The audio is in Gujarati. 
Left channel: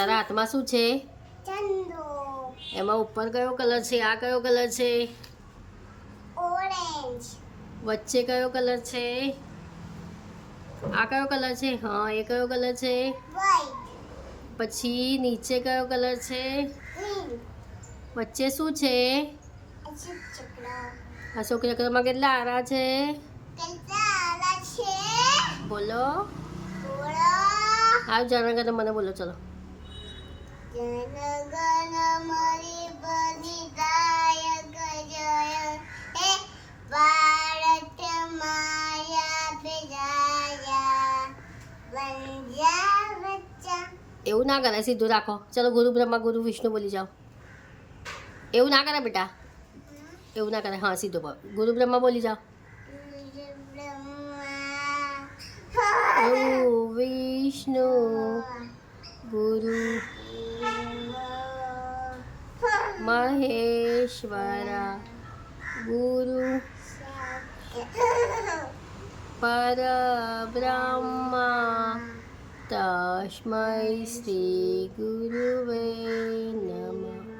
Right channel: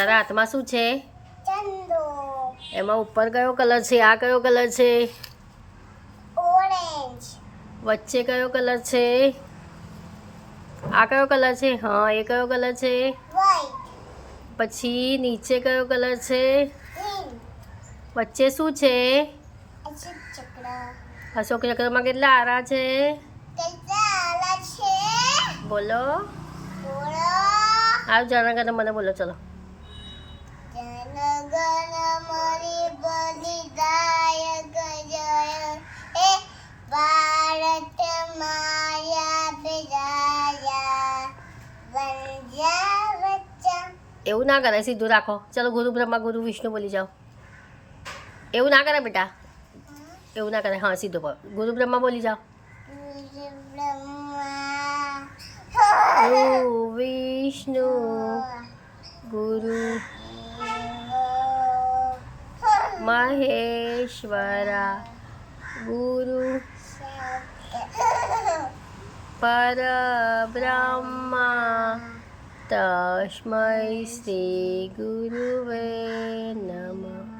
તારા હાથમાં શું છે? ચંદો. એમાં ઉપર કયો કલર છે? આ કયો કલર છે? ઓરેન્જ. વચ્ચે કયો કલર છે? આ કયો કલર છે? હા, એ કયો કલર છે? વ્હાઈટ. પછી નીચે કયો કલર છે? ગ્રીન. વચ્ચે શું છે? અશોક ચક્ર. અશોક ચક્રમાં કેટલા આરા છે? કેટલા આલા છે? બોલો. બોલો. આવ જનગણ મને બોલો ચલો. જનગણ મની બલિદાયક જય હે ભારત માયા વિજયા વંજા વચ્ચા. એવું ના કરે, સીધું રાખો. ચલો ગુરુ બ્રહ્મા ગુરુ વિષ્ણુ બોલી જાઓ. એવું ના કરે બેટા, એવું ના કરે. હા, સીધું બોલ. ગુરુ બ્રહ્મા બોલી જાઓ. ગુરુ વિષ્ણુ ગુરુ મહેશ્વરા ગુરુ પરબ્રહ્મા તસ્મૈ શ્રી ગુરુવે નમઃ.